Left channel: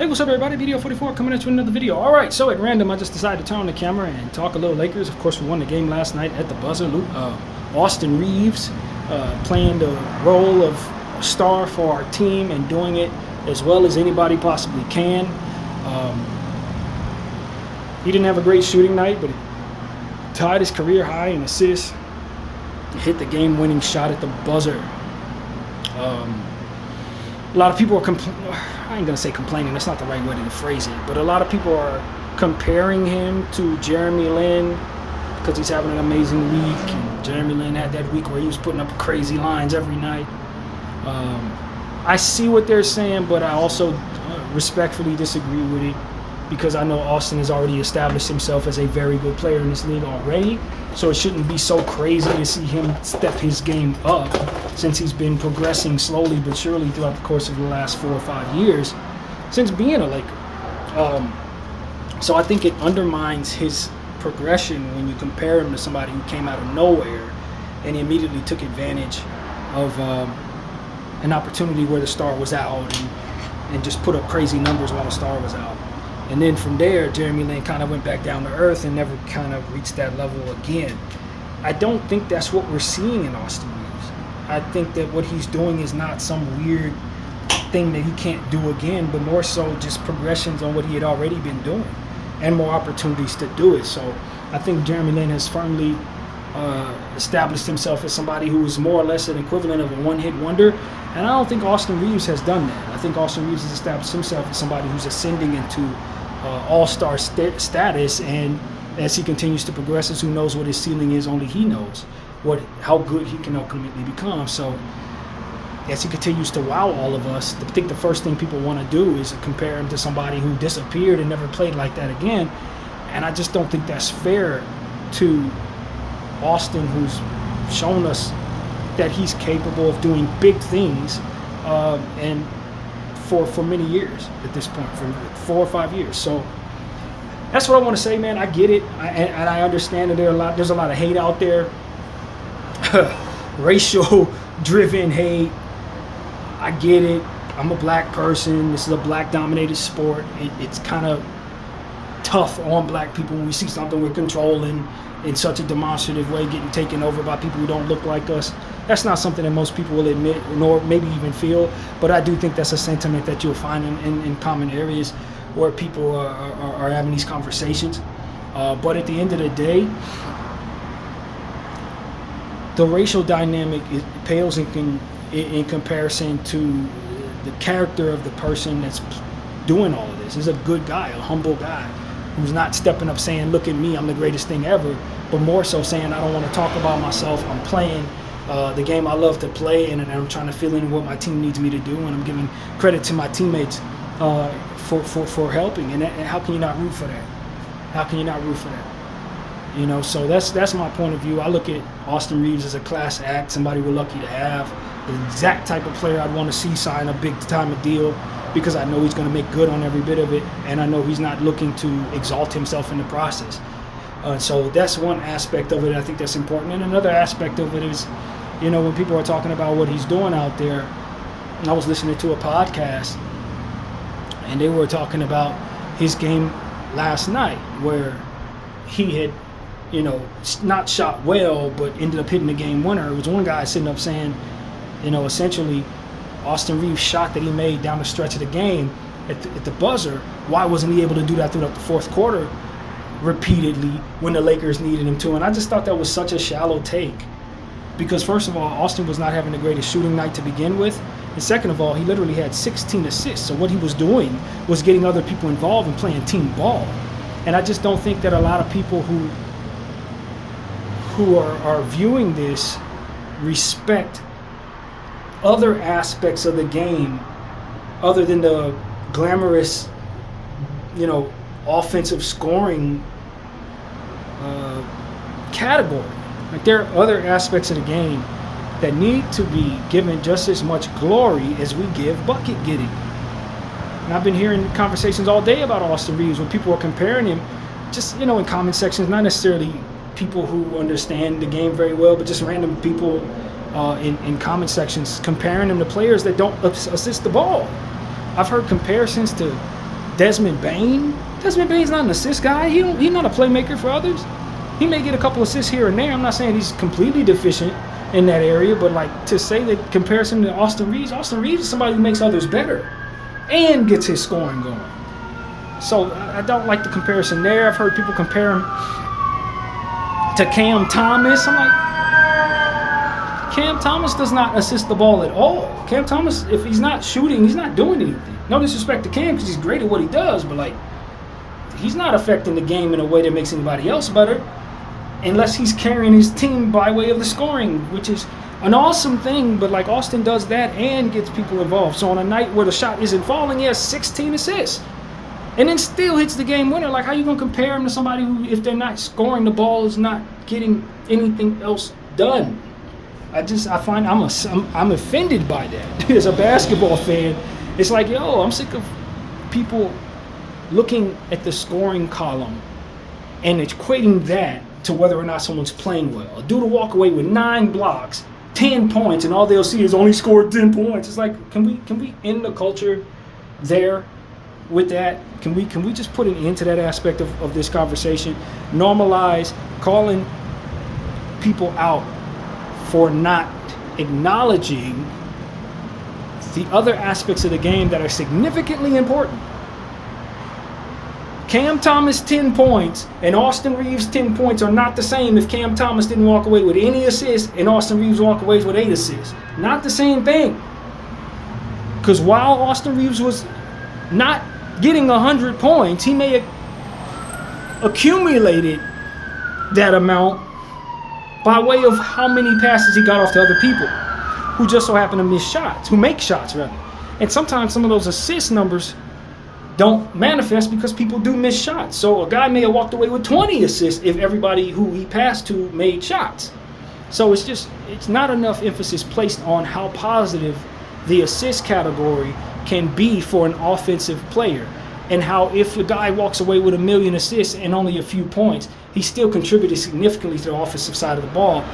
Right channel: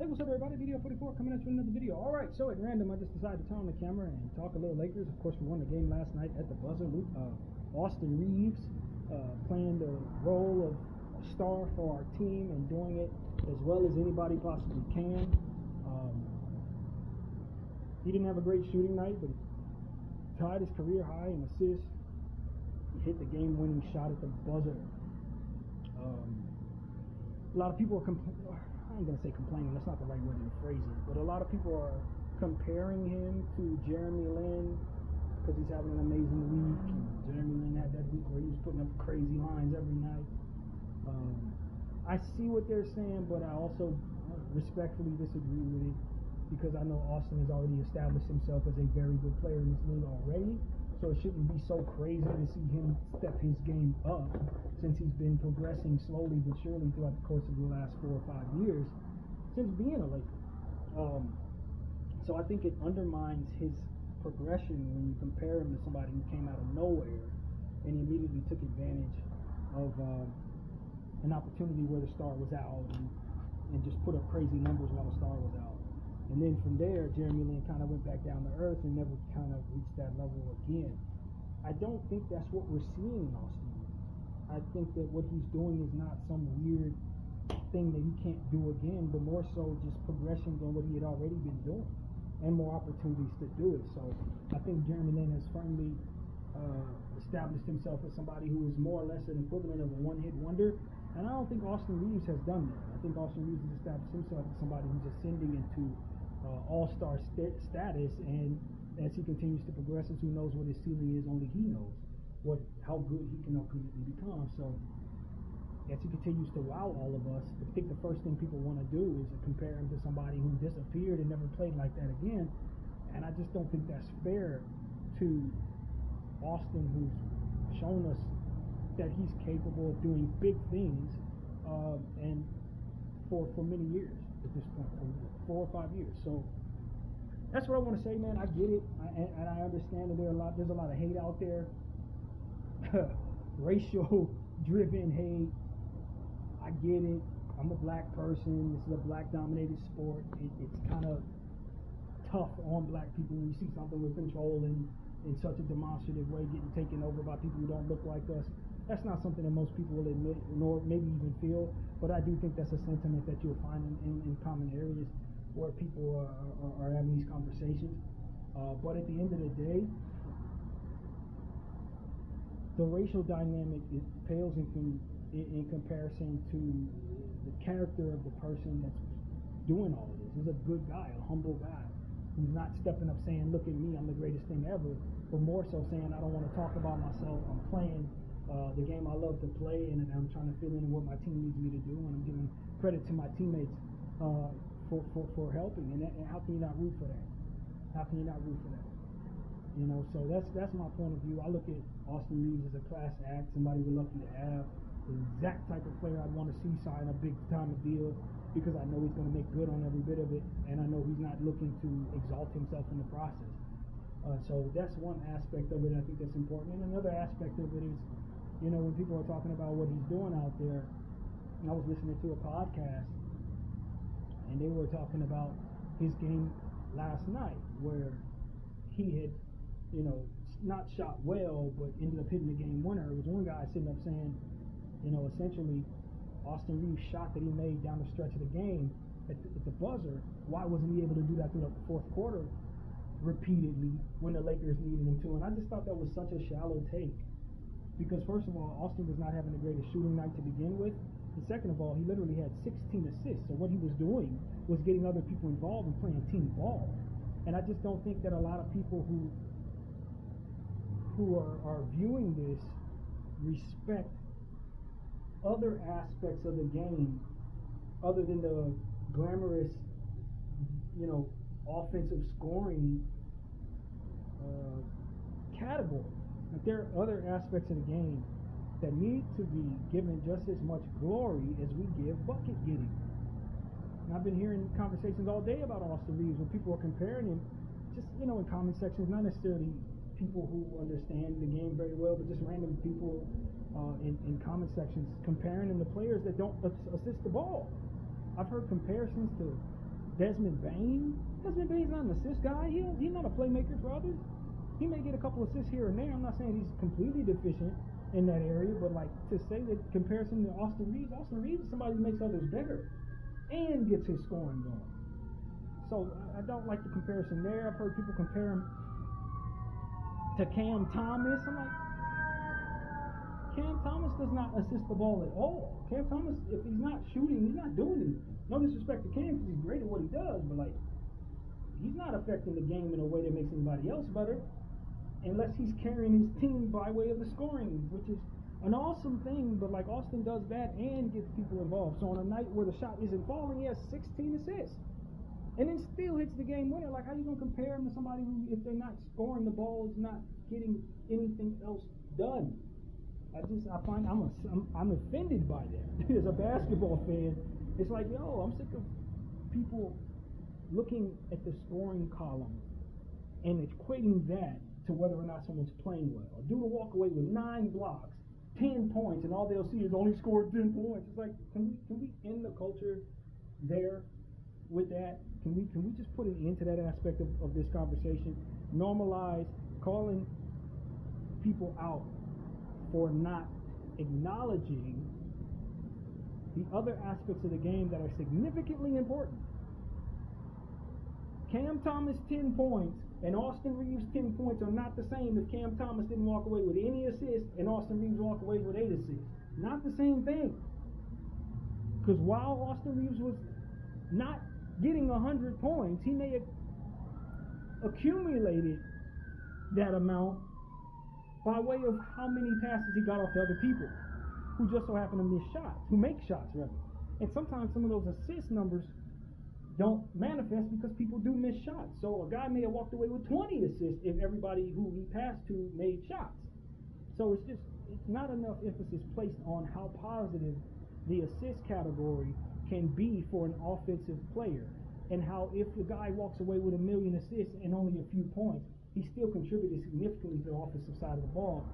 Hey, what's up, everybody? Video 44 coming at you with another video. All right, so at random, I just decided to turn on the camera and talk a little Lakers. Of course, we won the game last night at the buzzer. Austin Reaves playing the role of a star for our team and doing it as well as anybody possibly can. He didn't have a great shooting night, but he tied his career high in assists. He hit the game-winning shot at the buzzer. A lot of people are I ain't gonna say complaining, that's not the right way to phrase it, but a lot of people are comparing him to Jeremy Lin because he's having an amazing week, and Jeremy Lin had that week where he was putting up crazy lines every night. I see what they're saying, but I also respectfully disagree with it because I know Austin has already established himself as a very good player in this league already, so it shouldn't be so crazy to see him step his game up since he's been progressing slowly but surely throughout the course of the last 4 or 5 years since being a Laker. So I think it undermines his progression when you compare him to somebody who came out of nowhere and he immediately took advantage of an opportunity where the star was out and just put up crazy numbers while the star was out. And then from there, Jeremy Lin kind of went back down to earth and never kind of reached that level again. I don't think that's what we're seeing in Austin Reaves. I think that what he's doing is not some weird thing that he can't do again, but more so just progressions on what he had already been doing and more opportunities to do it. So I think Jeremy Lin has firmly established himself as somebody who is more or less an equivalent of a one-hit wonder, and I don't think Austin Reaves has done that. I think Austin Reaves has established himself as somebody who's ascending into all-star status, and as he continues to progress, as who knows what his ceiling is, only he knows how good he can ultimately become. So as he continues to wow all of us, I think the first thing people want to do is compare him to somebody who disappeared and never played like that again, and I just don't think that's fair to Austin, who's shown us that he's capable of doing big things, and for many years at this point, for 4 or 5 years. So that's what I want to say, man. I get it, and I understand that there's a lot of hate out there, racial-driven hate. I get it. I'm a black person. This is a black-dominated sport. It's kind of tough on black people when we see something we're controlling in such a demonstrative way getting taken over by people who don't look like us. That's not something that most people will admit, nor maybe even feel, but I do think that's a sentiment that you'll find in common areas where people are having these conversations. But at the end of the day, the racial dynamic pales in comparison to the character of the person that's doing all of this. He's a good guy, a humble guy, who's not stepping up saying, look at me, I'm the greatest thing ever, but more so saying, I don't want to talk about myself, I'm playing the game I love to play, and I'm trying to fill in what my team needs me to do, and I'm giving credit to my teammates for helping. And how can you not root for that? How can you not root for that? You know, so that's my point of view. I look at Austin Reaves as a class act, somebody we're lucky to have, the exact type of player I'd want to see sign a big-time deal, because I know he's going to make good on every bit of it, and I know he's not looking to exalt himself in the process. So that's one aspect of it. I think that's important. And another aspect of it is, you know, when people are talking about what he's doing out there, I was listening to a podcast, and they were talking about his game last night where he had, you know, not shot well, but ended up hitting the game winner. It was one guy sitting up saying, you know, essentially, Austin Reaves' shot that he made down the stretch of the game at the buzzer, why wasn't he able to do that throughout the fourth quarter repeatedly when the Lakers needed him to? And I just thought that was such a shallow take, because first of all, Austin was not having the greatest shooting night to begin with, and second of all, he literally had 16 assists. So what he was doing was getting other people involved and playing team ball. And I just don't think that a lot of people who are viewing this respect other aspects of the game other than the glamorous, you know, offensive scoring category. Like, there are other aspects of the game that need to be given just as much glory as we give bucket getting. And I've been hearing conversations all day about Austin Reaves when people are comparing him, just, you know, in comment sections, not necessarily people who understand the game very well, but just random people in comment sections comparing him to players that don't assist the ball. I've heard comparisons to Desmond Bain. Desmond Bain's not an assist guy. He's not a playmaker for others. He may get a couple assists here and there. I'm not saying he's completely deficient in that area, but like to say that comparison to Austin Reaves is somebody who makes others better and gets his scoring going. So I don't like the comparison there. I've heard people compare him to Cam Thomas. I'm like, Cam Thomas does not assist the ball at all. Cam Thomas, if he's not shooting, he's not doing anything. No disrespect to Cam because he's great at what he does, but like, he's not affecting the game in a way that makes anybody else better unless he's carrying his team by way of the scoring, which is an awesome thing, but like Austin does that and gets people involved. So on a night where the shot isn't falling, he has 16 assists and then still hits the game winner. Like, how you going to compare him to somebody who, if they're not scoring the ball, is not getting anything else done? I find I'm offended by that. As a basketball fan, it's like, yo, I'm sick of people looking at the scoring column and equating that to whether or not someone's playing well. A dude will walk away with 9 blocks, 10 points, and all they'll see is only scored 10 points. It's like, can we end the culture there with that? Can we just put an end to that aspect of this conversation? Normalize calling people out for not acknowledging the other aspects of the game that are significantly important. Cam Thomas 10 points and Austin Reaves 10 points are not the same if Cam Thomas didn't walk away with any assists and Austin Reaves walk away with 8 assists. Not the same thing. Because while Austin Reaves was not getting 100 points, he may have accumulated that amount by way of how many passes he got off to other people who just so happen to miss shots, who make shots rather. And sometimes some of those assist numbers don't manifest because people do miss shots. So a guy may have walked away with 20 assists if everybody who he passed to made shots. So it's not enough emphasis placed on how positive the assist category can be for an offensive player, and how if a guy walks away with 1 million assists and only a few points, he still contributed significantly to the offensive side of the ball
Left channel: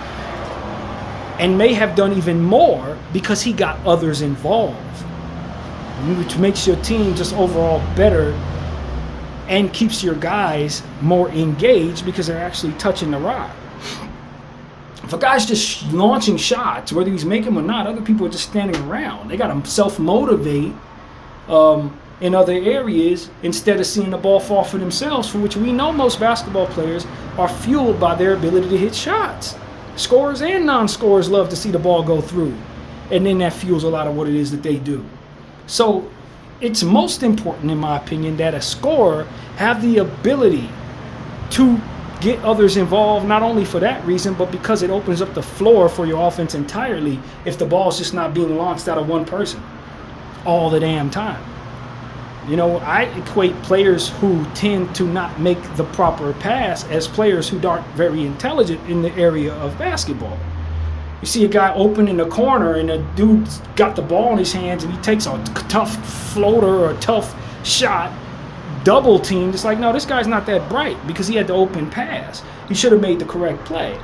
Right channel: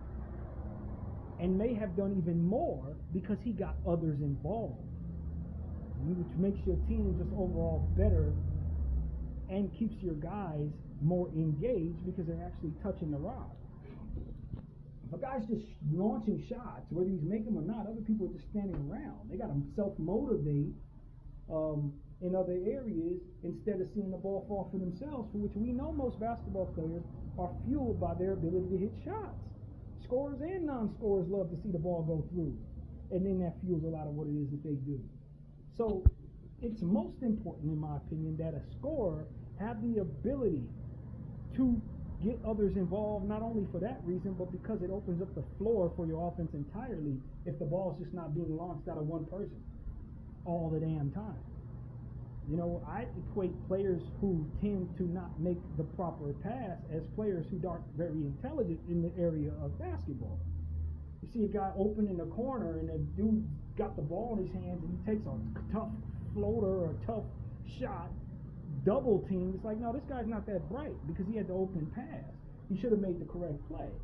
and may have done even more because he got others involved, which makes your team just overall better and keeps your guys more engaged because they're actually touching the rock. If a guy's just launching shots, whether he's making them or not, other people are just standing around. They got to self-motivate in other areas instead of seeing the ball fall for themselves, for which we know most basketball players are fueled by their ability to hit shots. Scorers and non-scorers love to see the ball go through, and then that fuels a lot of what it is that they do. So it's most important, in my opinion, that a scorer have the ability to get others involved, not only for that reason, but because it opens up the floor for your offense entirely if the ball's just not being launched out of one person all the damn time. You know, I equate players who tend to not make the proper pass as players who aren't very intelligent in the area of basketball. You see a guy open in the corner and a dude's got the ball in his hands and he takes a tough floater or a tough shot, double teamed. It's like, no, this guy's not that bright because he had the open pass. He should have made the correct play.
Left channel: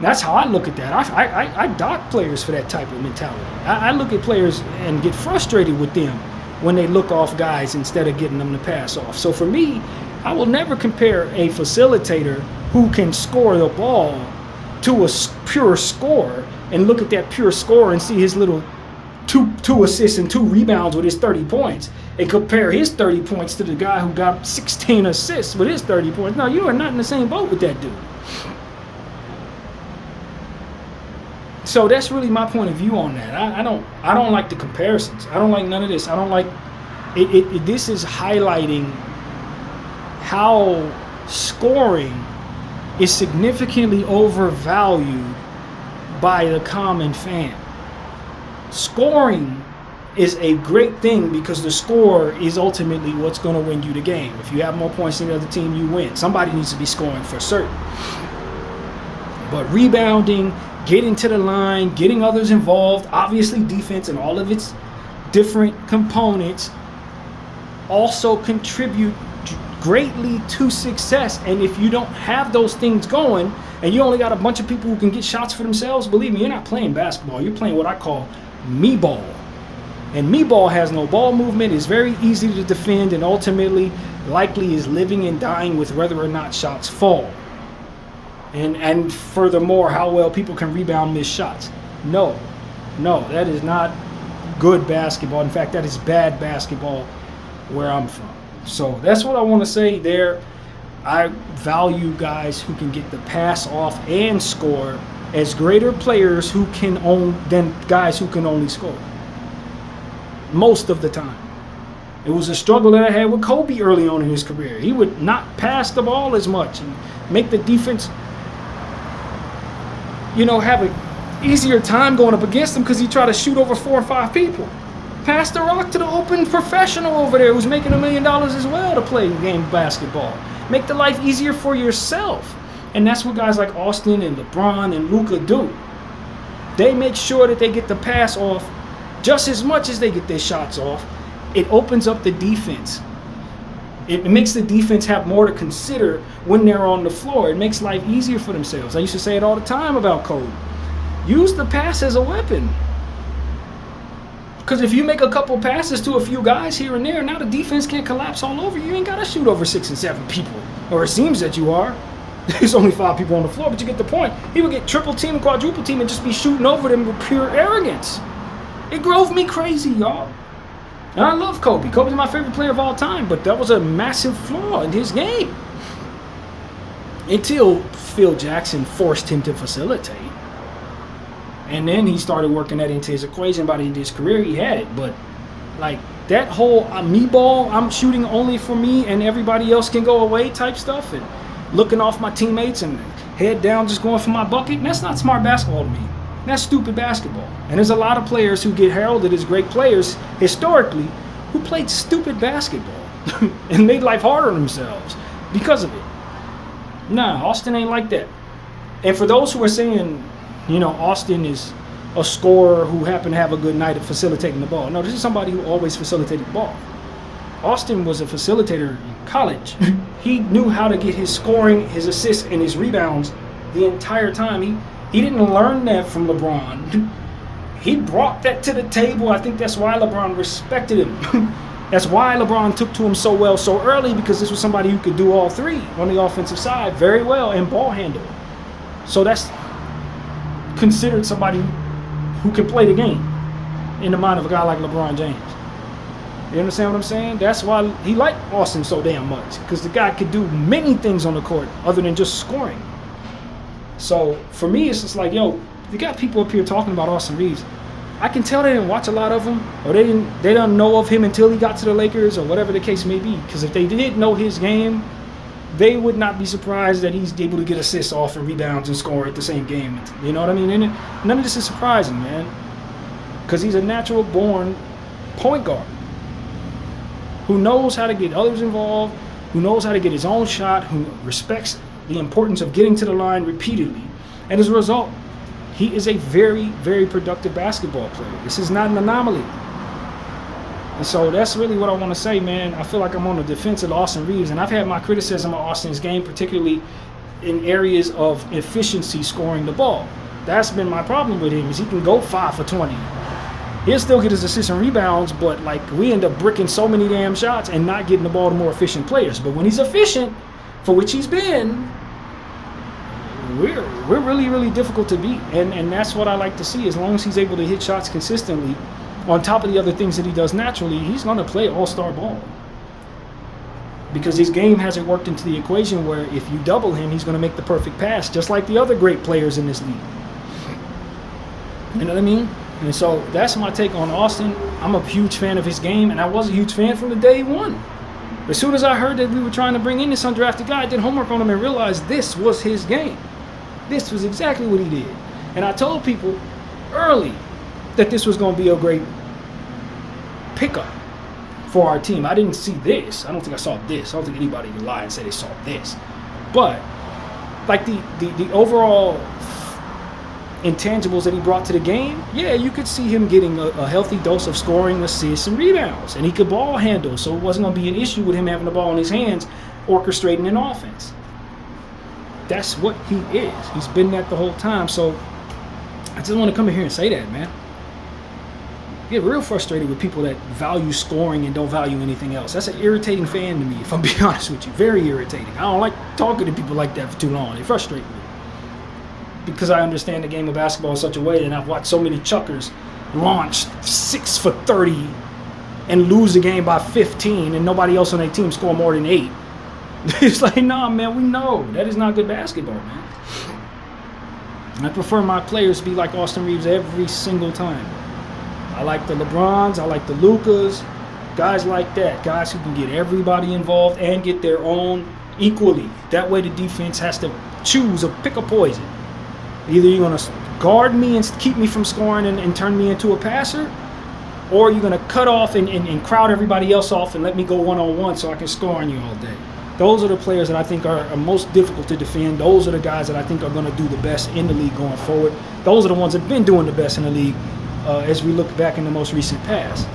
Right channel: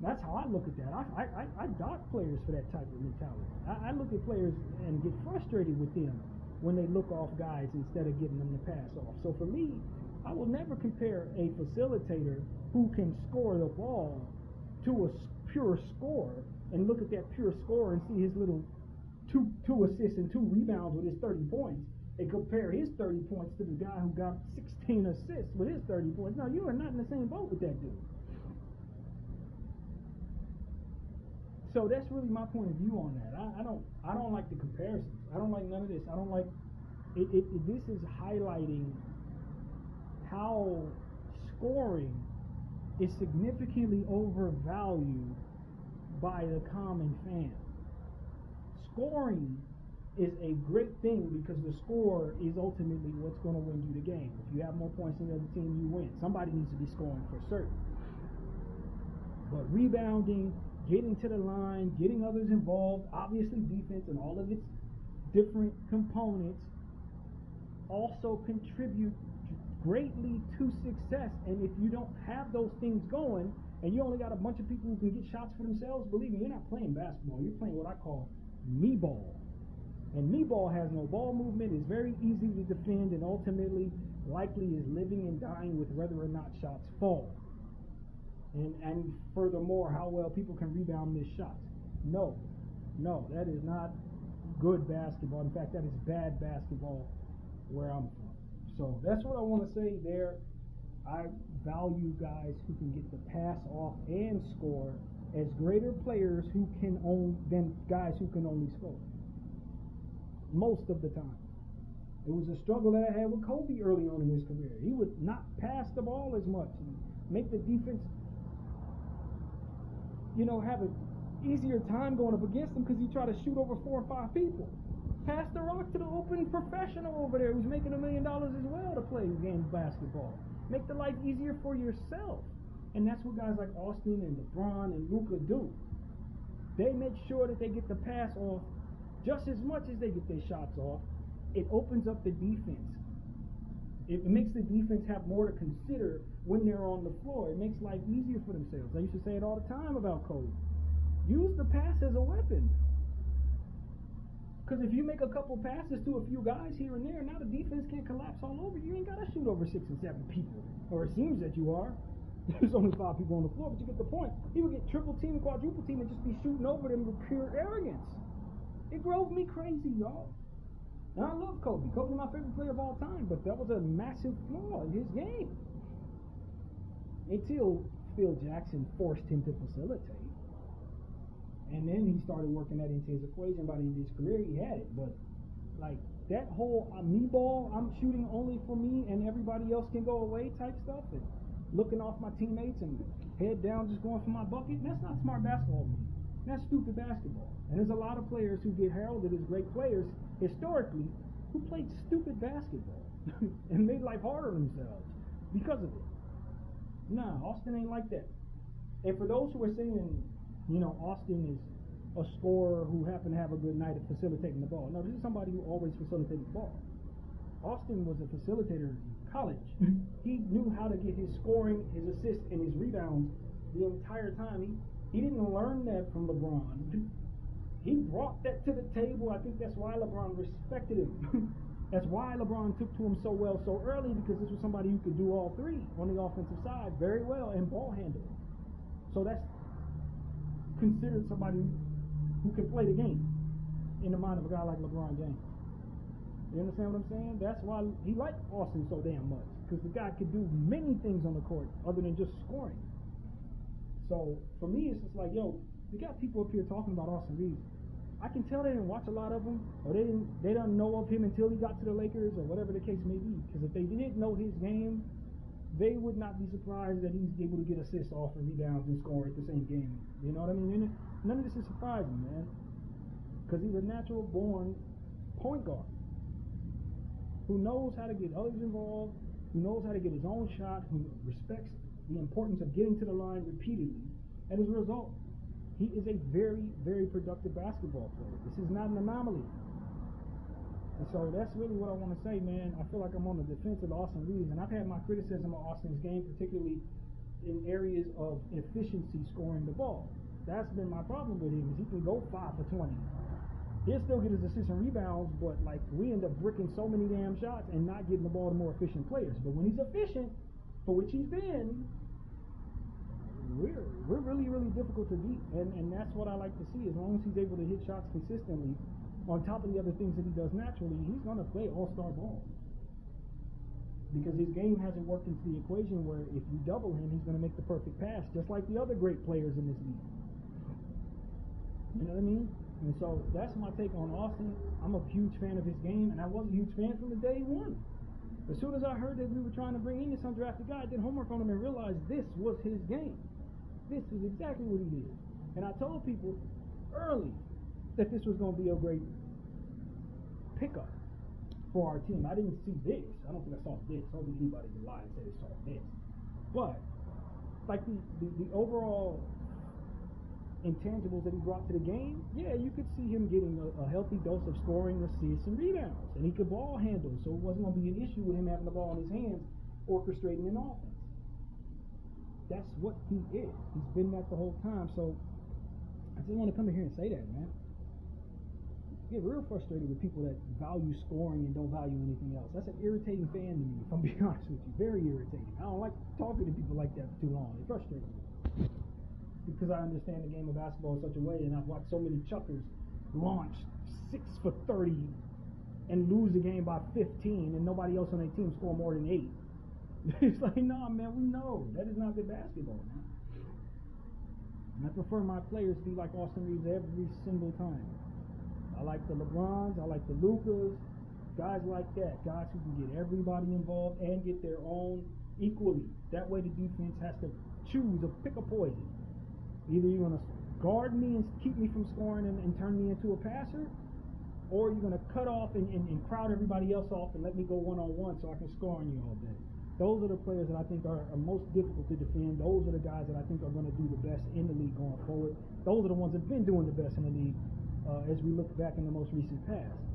That's how I look at that. I dock players for that type of mentality. I look at players and get frustrated with them when they look off guys instead of getting them to pass off. So for me, I will never compare a facilitator who can score the ball to a pure scorer and look at that pure scorer and see his little two assists and 2 rebounds with his 30 points and compare his 30 points to the guy who got 16 assists with his 30 points. No, you are not in the same boat with that dude. So that's really my point of view on that. I don't like the comparisons. I don't like none of this. I don't like it. This is highlighting how scoring is significantly overvalued by the common fan. Scoring is a great thing because the score is ultimately what's going to win you the game. If you have more points than the other team, you win. Somebody needs to be scoring for certain. But rebounding, getting to the line, getting others involved, obviously defense and all of its different components also contribute greatly to success. And if you don't have those things going and you only got a bunch of people who can get shots for themselves, believe me, you're not playing basketball. You're playing what I call me ball. And me ball has no ball movement, is very easy to defend, and ultimately likely is living and dying with whether or not shots fall. And furthermore, how well people can rebound missed shots. No, that is not good basketball. In fact, that is bad basketball where I'm from. So that's what I want to say there. I value guys who can get the pass off and score as greater players who can own than guys who can only score. Most of the time. It was a struggle that I had with Kobe early on in his career. He would not pass the ball as much and make the defense, have an easier time going up against him because he tried to shoot over 4 or 5 people. Pass the rock to the open professional over there who's making $1 million as well to play game basketball. Make the life easier for yourself. And that's what guys like Austin and LeBron and Luka do. They make sure that they get the pass off just as much as they get their shots off. It opens up the defense. It makes the defense have more to consider when they're on the floor. It makes life easier for themselves. I used to say it all the time about Kobe. Use the pass as a weapon. Because if you make a couple passes to a few guys here and there, now the defense can't collapse all over you. You ain't got to shoot over 6 and 7 people. Or it seems that you are. There's only 5 people on the floor, but you get the point. He would get triple team and quadruple team and just be shooting over them with pure arrogance. It drove me crazy, y'all. And I love Kobe. Kobe's my favorite player of all time, but that was a massive flaw in his game. Until Phil Jackson forced him to facilitate. And then he started working that into his equation. By the end of his career, he had it. But, like, that whole me ball, I'm shooting only for me and everybody else can go away type stuff, and looking off my teammates and head down just going for my bucket, that's not smart basketball to me. That's stupid basketball. And there's a lot of players who get heralded as great players historically who played stupid basketball and made life harder on themselves because of it. Nah, Austin ain't like that. And for those who are saying, Austin is a scorer who happened to have a good night at facilitating the ball. No, this is somebody who always facilitated the ball. Austin was a facilitator in college. He knew how to get his scoring, his assists, and his rebounds the entire time. He didn't learn that from LeBron. He brought that to the table. I think that's why LeBron respected him. That's why LeBron took to him so well so early, because this was somebody who could do all three on the offensive side very well and ball handle. So that's considered somebody who can play the game in the mind of a guy like LeBron James. You understand what I'm saying? That's why he liked Austin so damn much, because the guy could do many things on the court other than just scoring. So for me, it's just like, you got people up here talking about Austin Reaves. I can tell they didn't watch a lot of him, or they don't know of him until he got to the Lakers, or whatever the case may be. Because if they did know his game, they would not be surprised that he's able to get assists off and rebounds and score at the same game. You know what I mean? And none of this is surprising, man. Because he's a natural born point guard who knows how to get others involved, who knows how to get his own shot, who respects the importance of getting to the line repeatedly. And as a result, he is a very, very productive basketball player. This is not an anomaly. And so that's really what I want to say, man. I feel like I'm on the defense of Austin Reaves, and I've had my criticism of Austin's game, particularly in areas of efficiency scoring the ball. That's been my problem with him, is he can go 5 for 20. He'll still get his assists and rebounds, but like we end up bricking so many damn shots and not getting the ball to more efficient players. But when he's efficient, for which he's been, we're really, really difficult to beat. And that's what I like to see. As long as he's able to hit shots consistently, on top of the other things that he does naturally, he's going to play all-star ball. Because his game hasn't worked into the equation where if you double him, he's going to make the perfect pass, just like the other great players in this league. You know what I mean? And so that's my take on Austin. I'm a huge fan of his game, and I was a huge fan from the day one. As soon as I heard that we were trying to bring in this undrafted guy, I did homework on him and realized this was his game. This was exactly what he did. And I told people early that this was going to be a great pickup for our team. I didn't see this. I don't think I saw this. I don't think anybody would lie and say they saw this. But like the overall intangibles that he brought to the game, yeah, you could see him getting a healthy dose of scoring, assists, and rebounds. And he could ball handle, so it wasn't going to be an issue with him having the ball in his hands, orchestrating an offense. That's what he is. He's been that the whole time. So I just want to come in here and say that, man. get real frustrated with people that value scoring and don't value anything else. That's an irritating fan to me, if I'm being honest with you. Very irritating. I don't like talking to people like that for too long. They frustrate me. Because I understand the game of basketball in such a way, and I've watched so many chuckers launch 6 for 30 and lose the game by 15, and nobody else on their team score more than 8. It's like, nah, man, we know. That is not good basketball, man. I prefer my players to be like Austin Reaves every single time. I like the LeBrons, I like the Lukas, guys like that, guys who can get everybody involved and get their own equally. That way the defense has to choose or pick a poison. Either you're going to guard me and keep me from scoring and turn me into a passer, or you're going to cut off and crowd everybody else off and let me go one-on-one so I can score on you all day. Those are the players that I think are most difficult to defend. Those are the guys that I think are going to do the best in the league going forward. Those are the ones that have been doing the best in the league as we look back in the most recent past.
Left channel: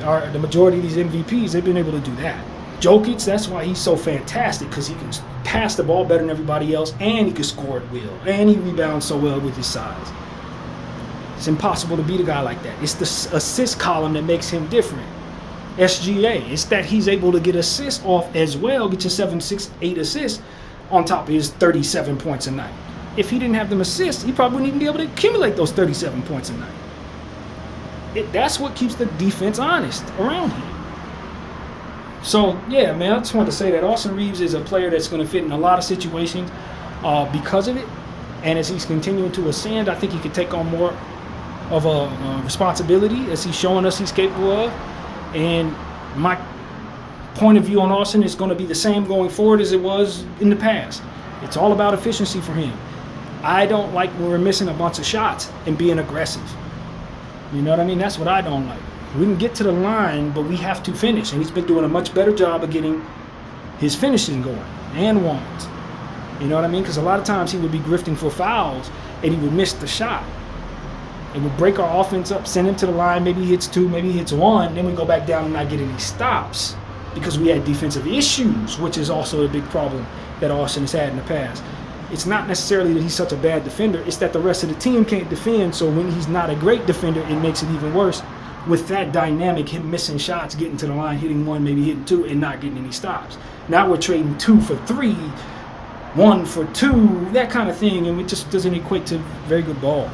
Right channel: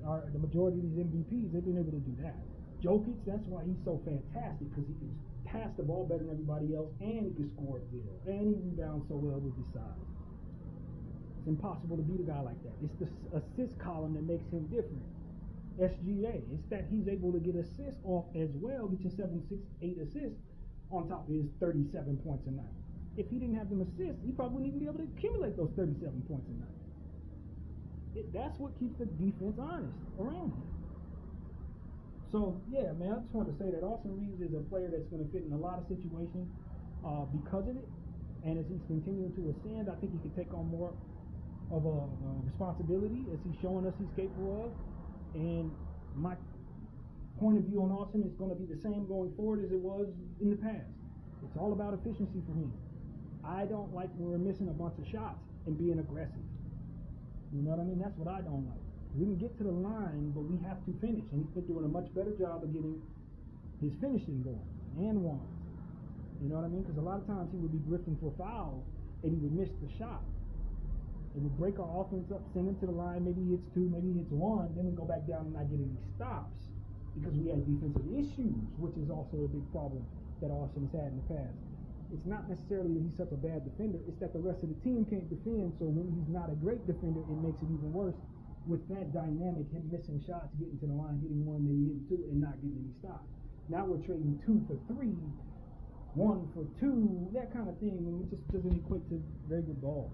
The majority of these MVPs, they've been able to do that. Jokic, that's why he's so fantastic, because he can pass the ball better than everybody else, and he can score at will, and he rebounds so well with his size. It's impossible to beat a guy like that. It's the assist column that makes him different. SGA, it's that he's able to get assists off as well, get you 7, 6, 8 assists on top of his 37 points a night. If he didn't have them assists, he probably wouldn't even be able to accumulate those 37 points a night. That's what keeps the defense honest around him. So, yeah, man, I just wanted to say that Austin Reaves is a player that's going to fit in a lot of situations because of it. And as he's continuing to ascend, I think he could take on more of a responsibility as he's showing us he's capable of. And my point of view on Austin is going to be the same going forward as it was in the past. It's all about efficiency for him. I don't like when we're missing a bunch of shots and being aggressive. You know what I mean? That's what I don't like. We can get to the line, but we have to finish. And he's been doing a much better job of getting his finishing going and ones. You know what I mean? Because a lot of times he would be grifting for fouls and he would miss the shot. It would break our offense up, send him to the line. Maybe he hits 2, maybe he hits 1. Then we go back down and not get any stops because we had defensive issues, which is also a big problem that Austin has had in the past. It's not necessarily that he's such a bad defender. It's that the rest of the team can't defend. So when he's not a great defender, it makes it even worse. With that dynamic, him missing shots, getting to the line, hitting 1, maybe hitting 2, and not getting any stops. Now we're trading 2 for 3, 1 for 2, that kind of thing, and it just doesn't equate to very good ball.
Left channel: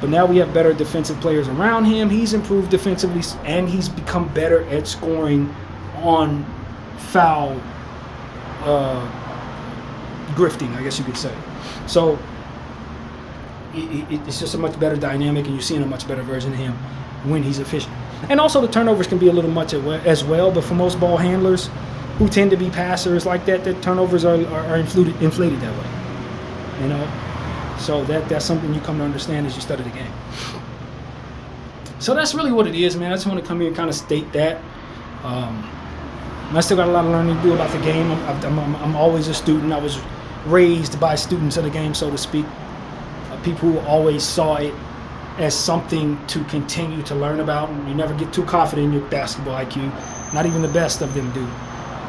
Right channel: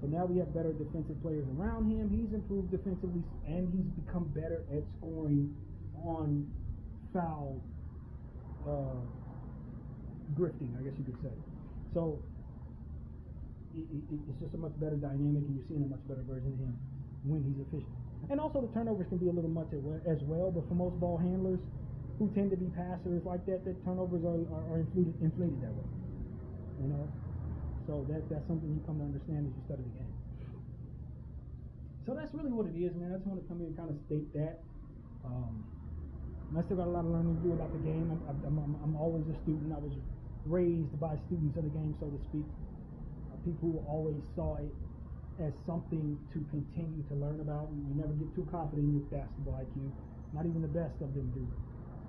But now we have better defensive players around him. He's improved defensively, and he's become better at scoring on foul grifting, I guess you could say. So it's just a much better dynamic, and you're seeing a much better version of him when he's efficient. And also the turnovers can be a little much as well, but for most ball handlers who tend to be passers like that, the turnovers are inflated that way. You know? So that's something you come to understand as you study the game. So that's really what it is, man. I just want to come here and kind of state that. I still got a lot of learning to do about the game. I'm always a student. I was raised by students of the game, so to speak. People who always saw it as something to continue to learn about. And you never get too confident in your basketball IQ. Not even the best of them do.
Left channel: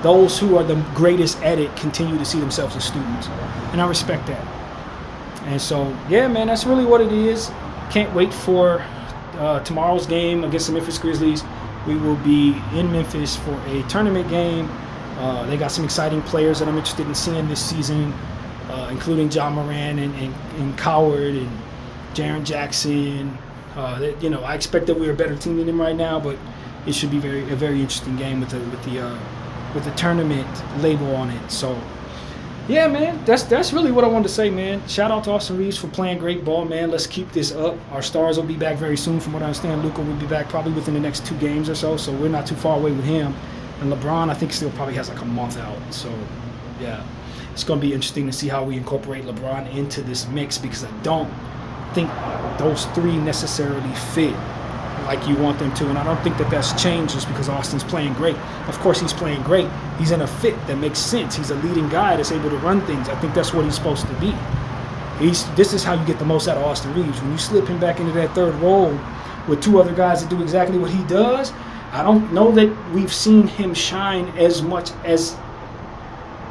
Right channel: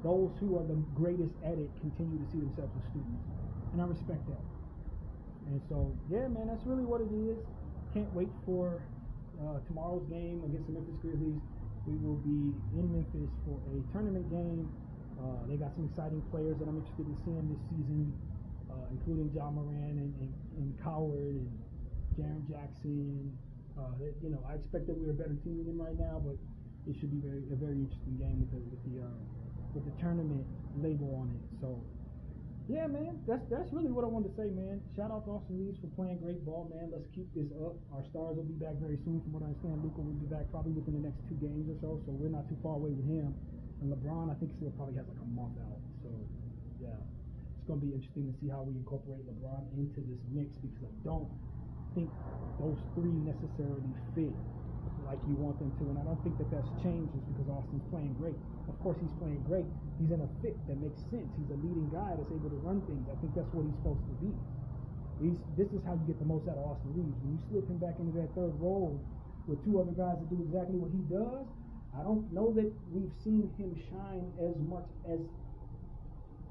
Those who are the greatest at it continue to see themselves as students. And I respect that. And so, yeah, man, that's really what it is. Can't wait for tomorrow's game against the Memphis Grizzlies. We will be in Memphis for a tournament game. They got some exciting players that I'm interested in seeing this season, including John Moran and Coward and Jaren Jackson. I expect that we're a better team than them right now, but it should be a very interesting game with the tournament label on it. So, yeah, man, that's really what I wanted to say, man. Shout out to Austin Reaves for playing great ball, man. Let's keep this up. Our stars will be back very soon. From what I understand, Luka will be back probably within the next 2 games or so we're not too far away with him. And LeBron, I think, still probably has like a month out. So, yeah, it's going to be interesting to see how we incorporate LeBron into this mix, because I don't think those 3 necessarily fit like you want them to, and I don't think that's changed just because Austin's playing great. Of course he's playing great. He's in a fit that makes sense. He's a leading guy that's able to run things. I think that's what he's supposed to be. This is how you get the most out of Austin Reaves. When you slip him back into that third role with 2 other guys that do exactly what he does, I don't know that we've seen him shine as much as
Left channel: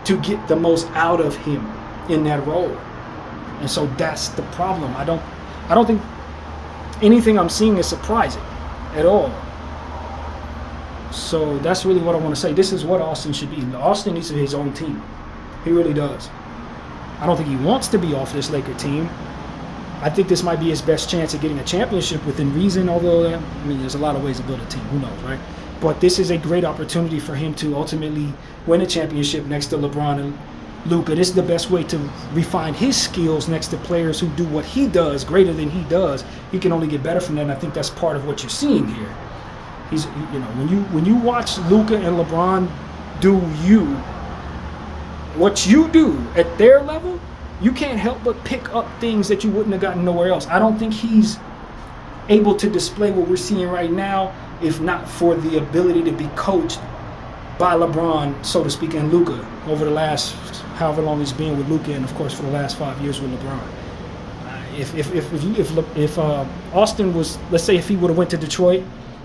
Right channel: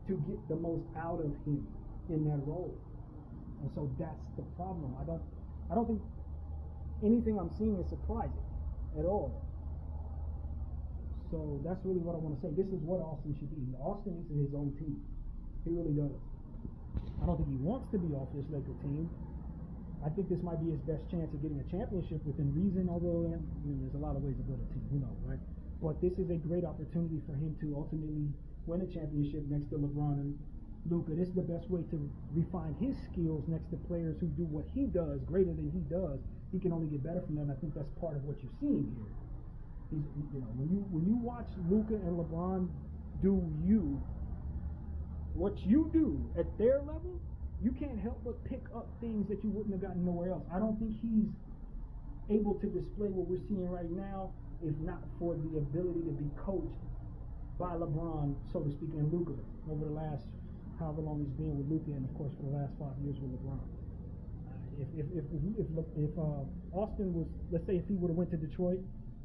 to get the most out of him in that role. And so that's the problem. I don't think anything I'm seeing is surprising at all. So that's really what I want to say. This is what Austin should be. Austin needs to be his own team. He really does. I don't think he wants to be off this Laker team. I think this might be his best chance at getting a championship within reason, although, I mean, there's a lot of ways to build a team. Who knows, right? But this is a great opportunity for him to ultimately win a championship next to LeBron and Luka. This is the best way to refine his skills next to players who do what he does greater than he does. He can only get better from that, and I think that's part of what you're seeing here. He's, you know, when you watch Luka and LeBron do what you do at their level, you can't help but pick up things that you wouldn't have gotten nowhere else. I don't think he's able to display what we're seeing right now if not for the ability to be coached by LeBron, so to speak, and Luka over the last however long he's been with Luka, and of course for the last 5 years with LeBron. If Austin was, let's say, if he would have went to Detroit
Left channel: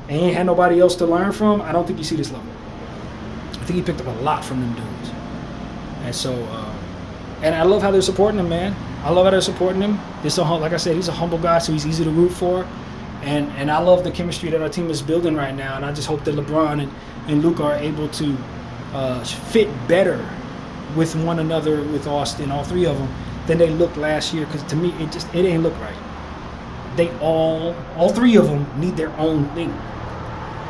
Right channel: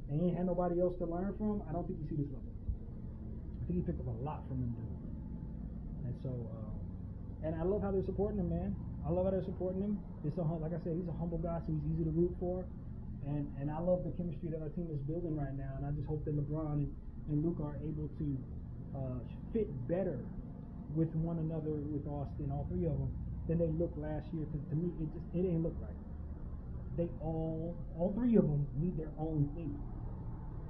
and he ain't had nobody else to learn from, I don't think you see this level. I think he picked up a lot from them dudes, and so. And I love how they're supporting him, man. I love how they're supporting him. Like I said, he's a humble guy, so he's easy to root for. And I love the chemistry that our team is building right now. And I just hope that LeBron and Luka are able to fit better with one another, with Austin, all three of them, than they looked last year. Because to me, it ain't look right. They all three of them need their own thing.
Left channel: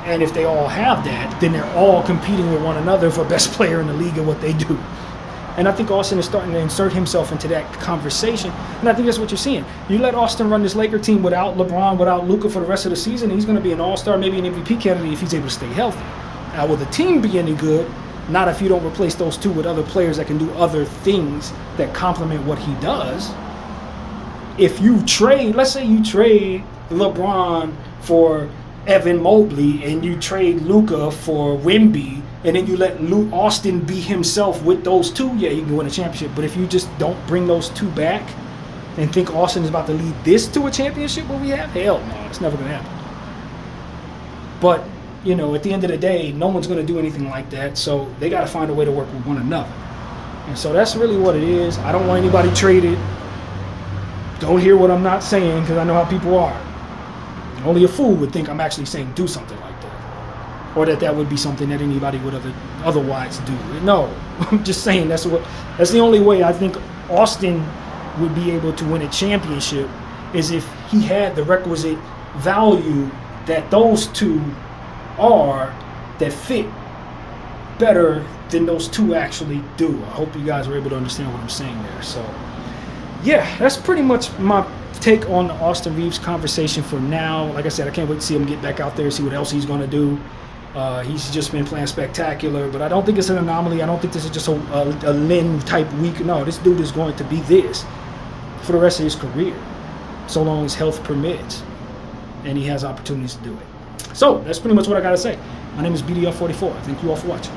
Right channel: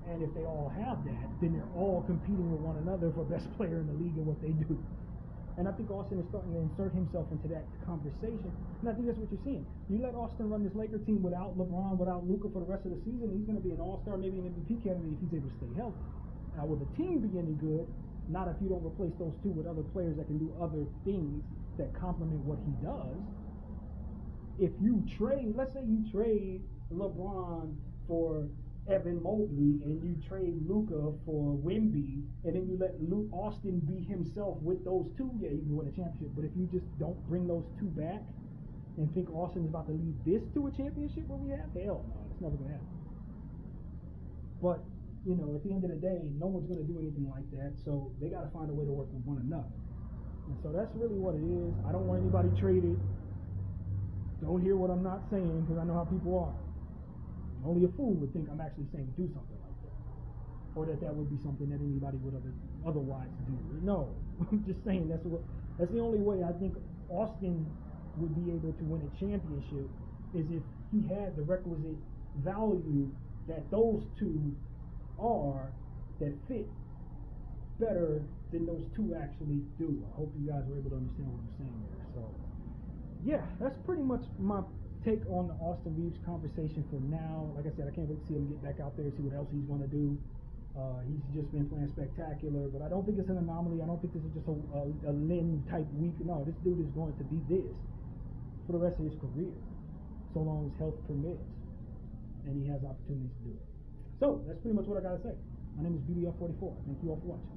And if they all have that, then they're all competing with one another for best player in the league and what they do. And I think Austin is starting to insert himself into that conversation. And I think that's what you're seeing. You let Austin run this Laker team without LeBron, without Luka for the rest of the season, and he's going to be an all-star, maybe an MVP candidate if he's able to stay healthy. Now, will the team be any good? Not if you don't replace those two with other players that can do other things that complement what he does. If you trade, let's say you trade LeBron for Evan Mobley and you trade Luka for Wemby, and then you let Austin be himself with those two, yeah, you can win a championship. But if you just don't bring those two back and think Austin is about to lead this to a championship, what we have, hell no, it's never going to happen. But, you know, at the end of the day, no one's going to do anything like that, so they got to find a way to work with one another. And so that's really what it is. I don't want anybody traded. Don't hear what I'm not saying, because I know how people are. Only a fool would think I'm actually saying do something like that. Or that would be something that anybody would otherwise do. No, I'm just saying that's the only way I think Austin would be able to win a championship is if he had the requisite value that those two are, that fit better than those two actually do. I hope you guys were able to understand what I'm saying there. So, yeah, that's pretty much my take on the Austin Reaves conversation for now. Like I said, I can't wait to see him get back out there, see what else he's going to do. He's just been playing spectacular, but I don't think it's an anomaly. I don't think this is just a Lynn-type week. No, this dude is going to be this for the rest of his career, so long as health permits and he has opportunities to do it. So that's pretty much what I got to say. My name is BDF44. Thank you all for watching.